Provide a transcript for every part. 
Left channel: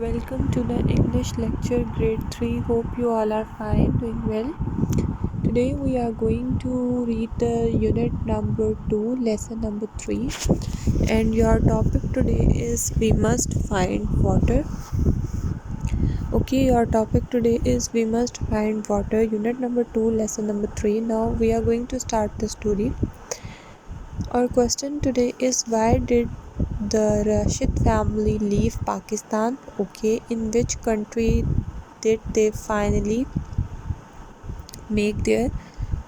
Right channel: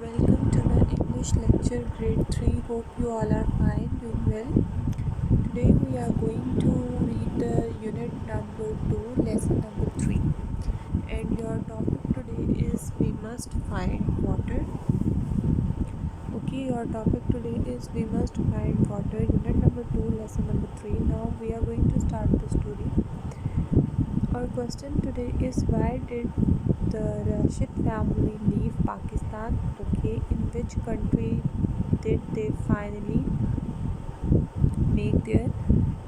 Welcome to the English lecture grade 3. Hope you all are fine, doing well. Today we are going to read the unit number 2, lesson number 3, and your topic today is we must find water. Okay, your topic today is we must find water, unit number 2, lesson number 3. Now we are going to start the story. Our question today is why did the Rashid family leave Pakistan? Okay, in which country did they finally make their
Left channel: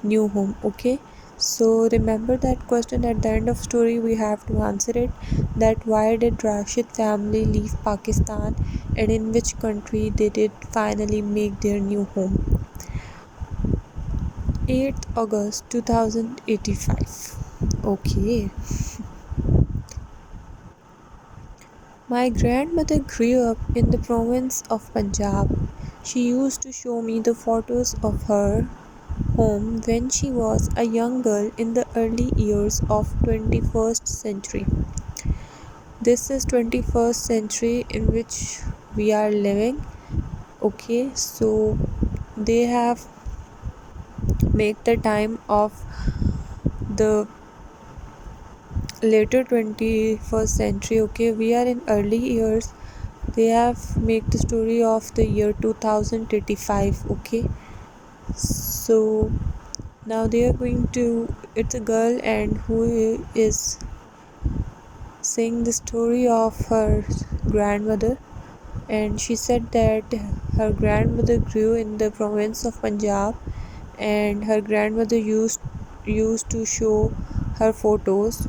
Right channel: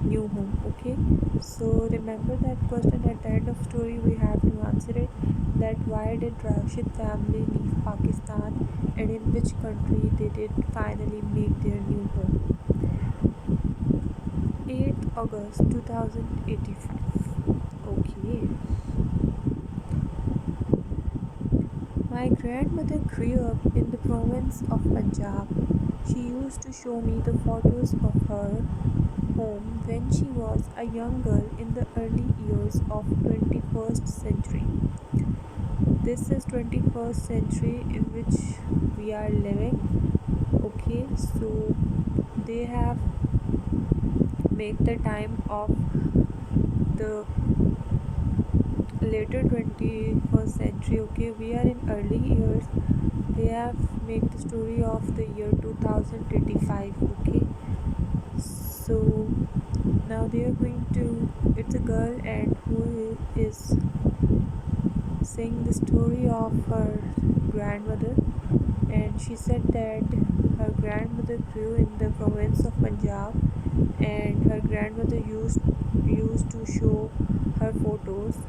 new home? Okay, so remember that question at the end of story we have to answer it, that why did Rashid family leave Pakistan and in which country they did finally make their new home. 8th August 2085. Okay. My grandmother grew up in the province of Punjab. She used to show me the photos of her home when she was a young girl in the early years of 21st century. This is 21st century in which we are living. Okay, so they have made the time of the later 21st century. Okay, we are in early years. They have made the story of the year 2085. Okay, so now they are going to, it's a girl and who is saying the story of her grandmother, and she said that her grandmother grew in the province of Punjab and her grandmother used to show her photos,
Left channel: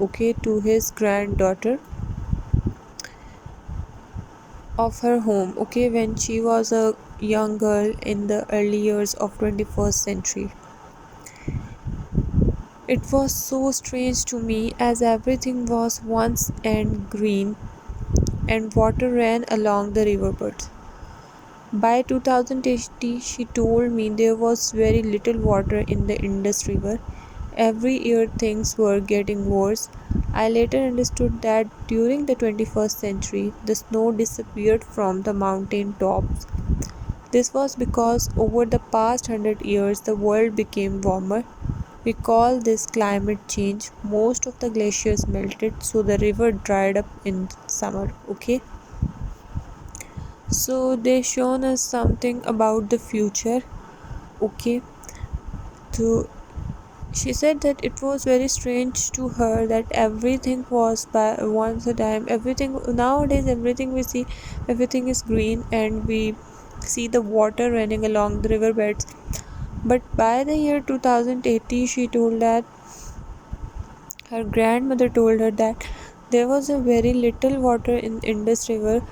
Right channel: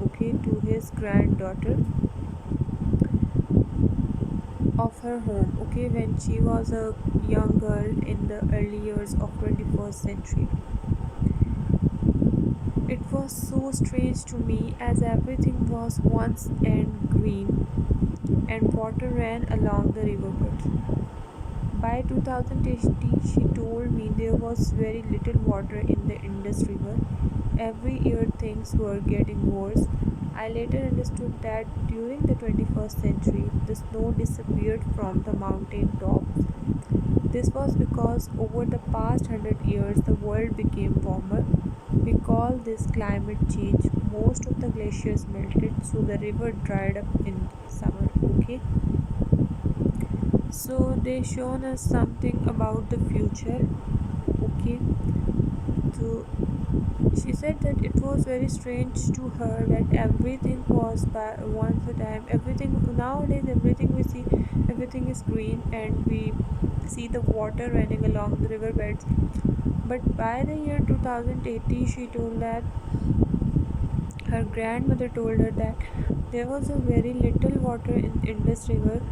okay, to his granddaughter of her home, okay, when she was a young girl in the early years of 21st century. It was so strange to me as everything was once and green and water ran along the riverbeds. By 2080, she told me there was very little water in the Indus River. Every year things were getting worse. I later understood that during the 21st century, the snow disappeared from the mountain tops. This was because over the past 100 years, the world became warmer. We call this climate change. Most of the glaciers melted, so the river dried up in summer. Okay, so they shown us something about the future. Okay, so she said that it was very strange to her that everything was by once a time, everything nowadays, everything we see, everything is green and we see the water running along the riverbeds. But by the year 2080, she told that her grandmother told her that there was a very little water in Indus River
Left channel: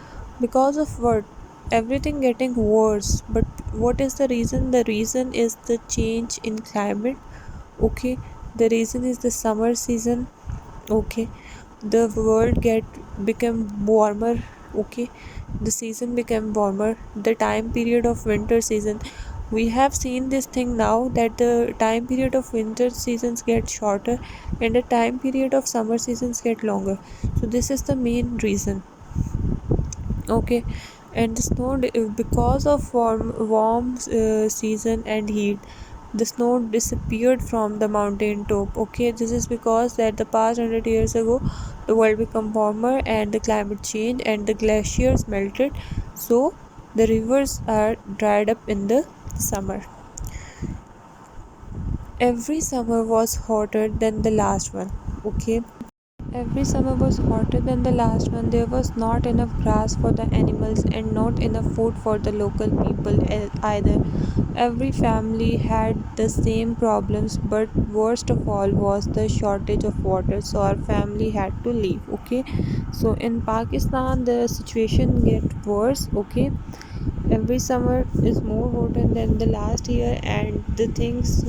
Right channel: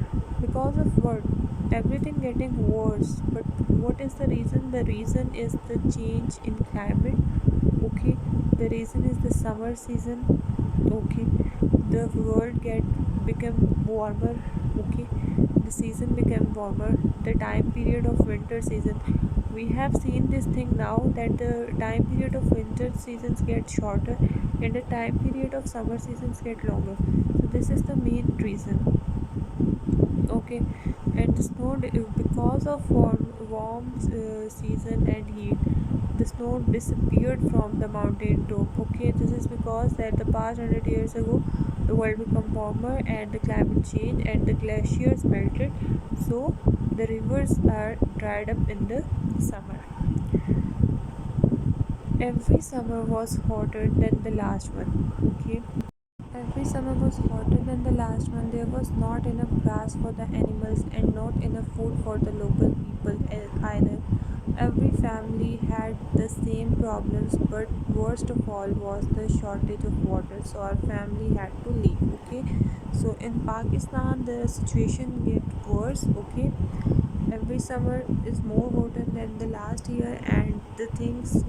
because of what? Everything getting worse. But what is the reason? The reason is the change in climate. Okay, the reason is the summer season. Okay, the world become warmer. Okay, the season became warmer. The time period of winter season, we have seen this thing now that the time period of winter seasons get shorter and the time period of summer seasons get longer. So this is the main reason. Okay, and the snow because of warm season and heat, the snow disappeared from the mountain top. Okay, this is because that the past 100 years ago the world become warmer and the climate change and the glaciers melted, so the rivers are dried up in the summer. Every summer was hotter than the last one. Okay, every summer was hotter than the last one. There was not enough grass for the animals and not enough food for the local people either. Every family had the same problems, but worst of all was the shortage of water. So our family had to leave. Okay, so in Pakistan the situation get worse. Okay, every summer is more hotter than the last year, and the things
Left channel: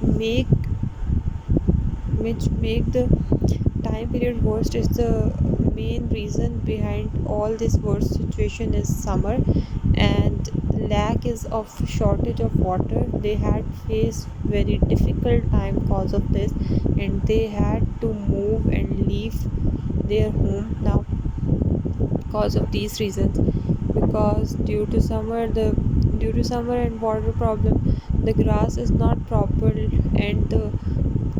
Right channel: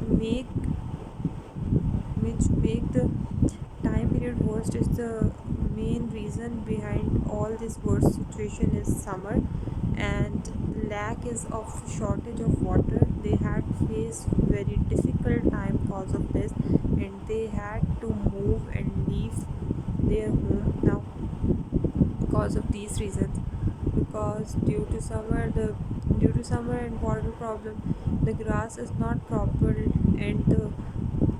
make which make the time period worst is the main reason behind all this worst situation is summer and lack is of shortage of water. They had faced very difficult time cause of this, and they had to move and leave their home. Now because of these reasons. Because due to summer and water problem, the grass is not proper and the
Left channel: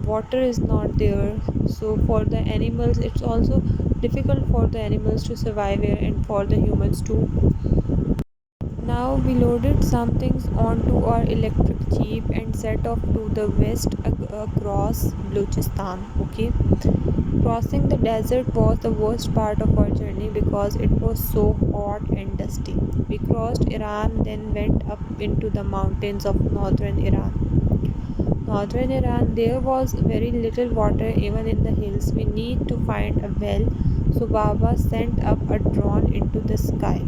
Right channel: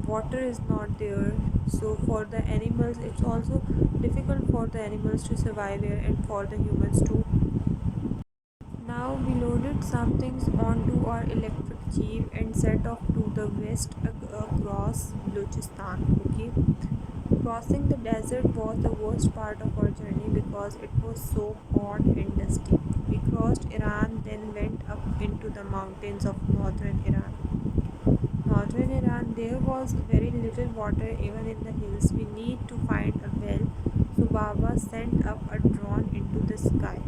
water is not there. So for the animals it's also difficult for the animals to survive here and for the humans too. Now we loaded some things onto our electric jeep and set off to the west across Balochistan. Okay, crossing the desert was the worst part of our journey because it was so hot and dusty. We crossed Iran, then went up into the mountains of northern Iran. Northern Iran, there was very little water even in the hills. We need to find a well, so Baba sent up a drone into the sky.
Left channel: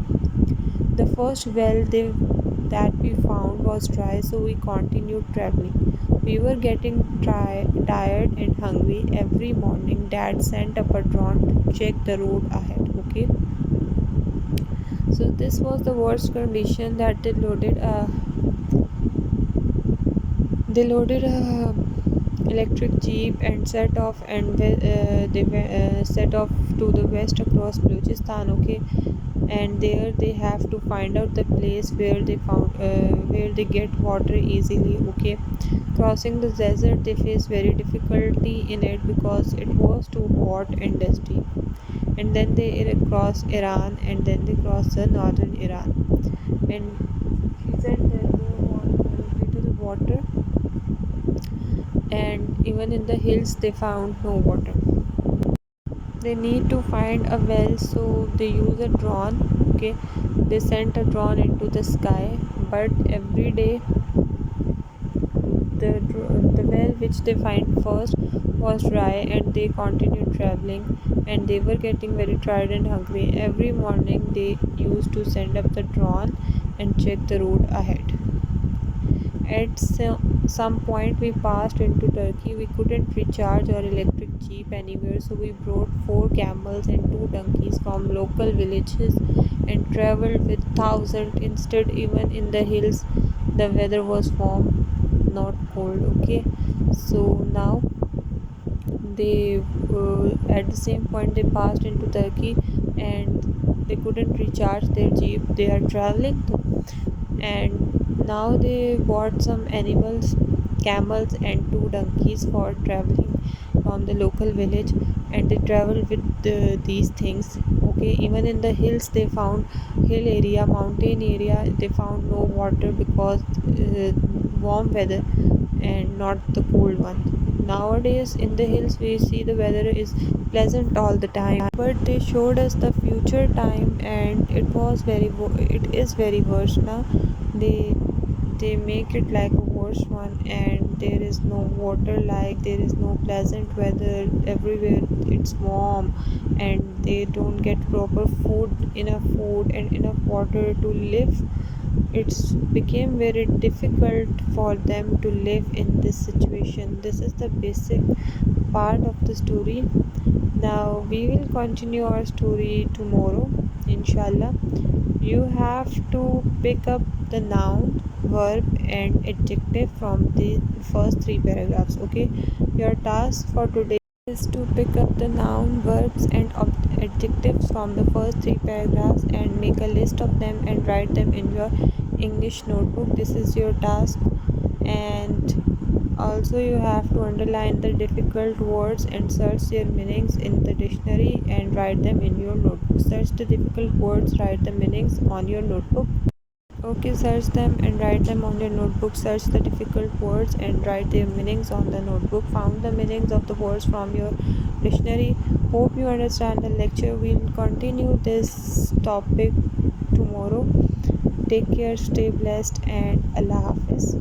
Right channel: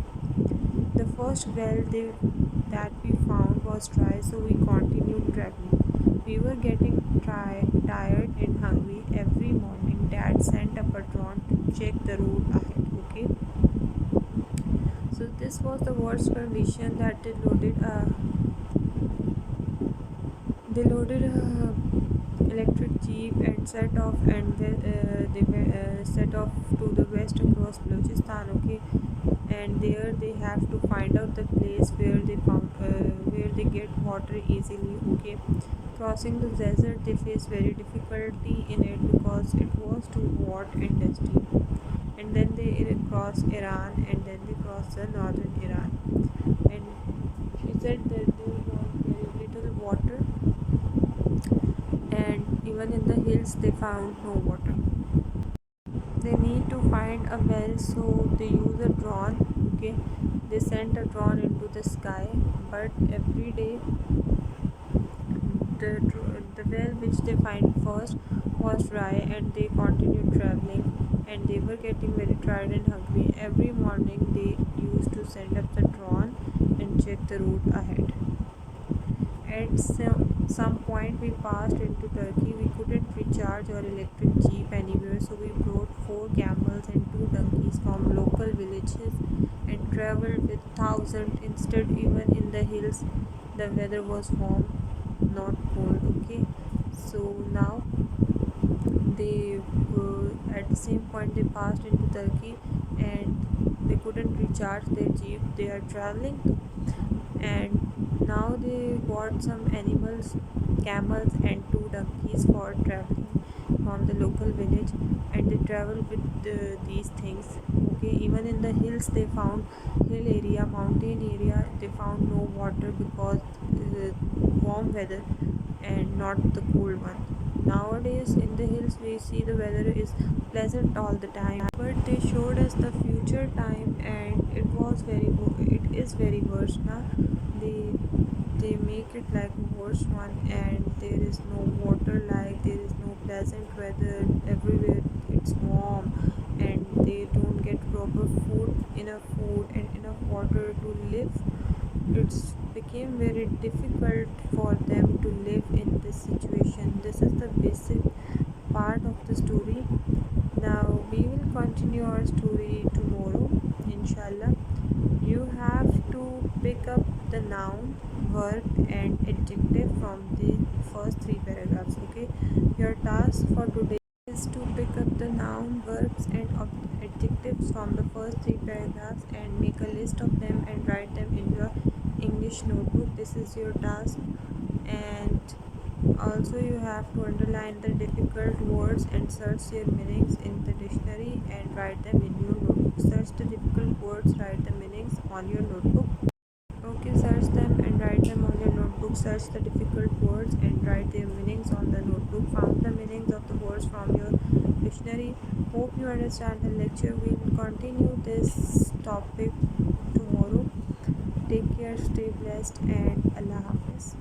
The first that we found was dry, so we continued traveling. We were getting tired and hungry. Every morning, Dad sent up a drone to check the road ahead. Okay, so this was the worst condition that they loaded a electric jeep and set off to the west across Balochistan. Okay, and there they have to find out the place where they get water easily. Okay, crossing the desert they face very difficulty in it because it was too hot and dusty. And then they cross Iran, and then they cross the northern Iran. And she said that there was very little water, and even in the hills they found no water. They need to find a well, so they use a drone. Okay, they sent a drone into the sky, but every day the well which they find first was dry, and they continued traveling, and they were getting very tired and hungry. Every morning they used to send up the drone and check the route ahead. At some point we passed into Turkey. We couldn't recharge our electric jeep anywhere, so we brought 4 camels and 2 donkeys from local villages and traveled with thousands instead. Even in the hills, the weather was warm, not cold. Okay, so now they at the same point they passed into Turkey, and they couldn't recharge their jeep. They are traveling, and now they bought some animals, camels and 2 donkeys for traveling from the local village, and they traveled with these things. Okay, even in the hills they found mountain area, they found no water because warm weather and not the cold one. Nowadays in the hills we see the weather is pleasant all the time, but they showed us the future time, and it is very worse now. They make it like a worse one, and there is no water, like there is no pleasant weather everywhere. It's warm, and they don't get proper enough food and enough water to live. It's became very difficult for them to live in this situation. This is the basic part of the story. Now we will continue our story tomorrow, inshallah. You have to pick up the noun, verb and adjective from the first 3 paragraphs. Okay, your task for today is to pick up the noun, verbs and adjectives from the first 3 paragraphs and make a list of them and write them in your English notebook. This is your task. And also you have to underline the difficult words and search their meanings in the dictionary and write them in your notebook. Search the difficult words, write the meanings on your notebook. Okay, search them and write them on your notebook. Search the difficult words and write their meanings on the notebook. Found the meanings of the words from your dictionary. Hope you understand the lecture. We'll continue this topic tomorrow. Take care, stay blessed, and Allah Hafiz.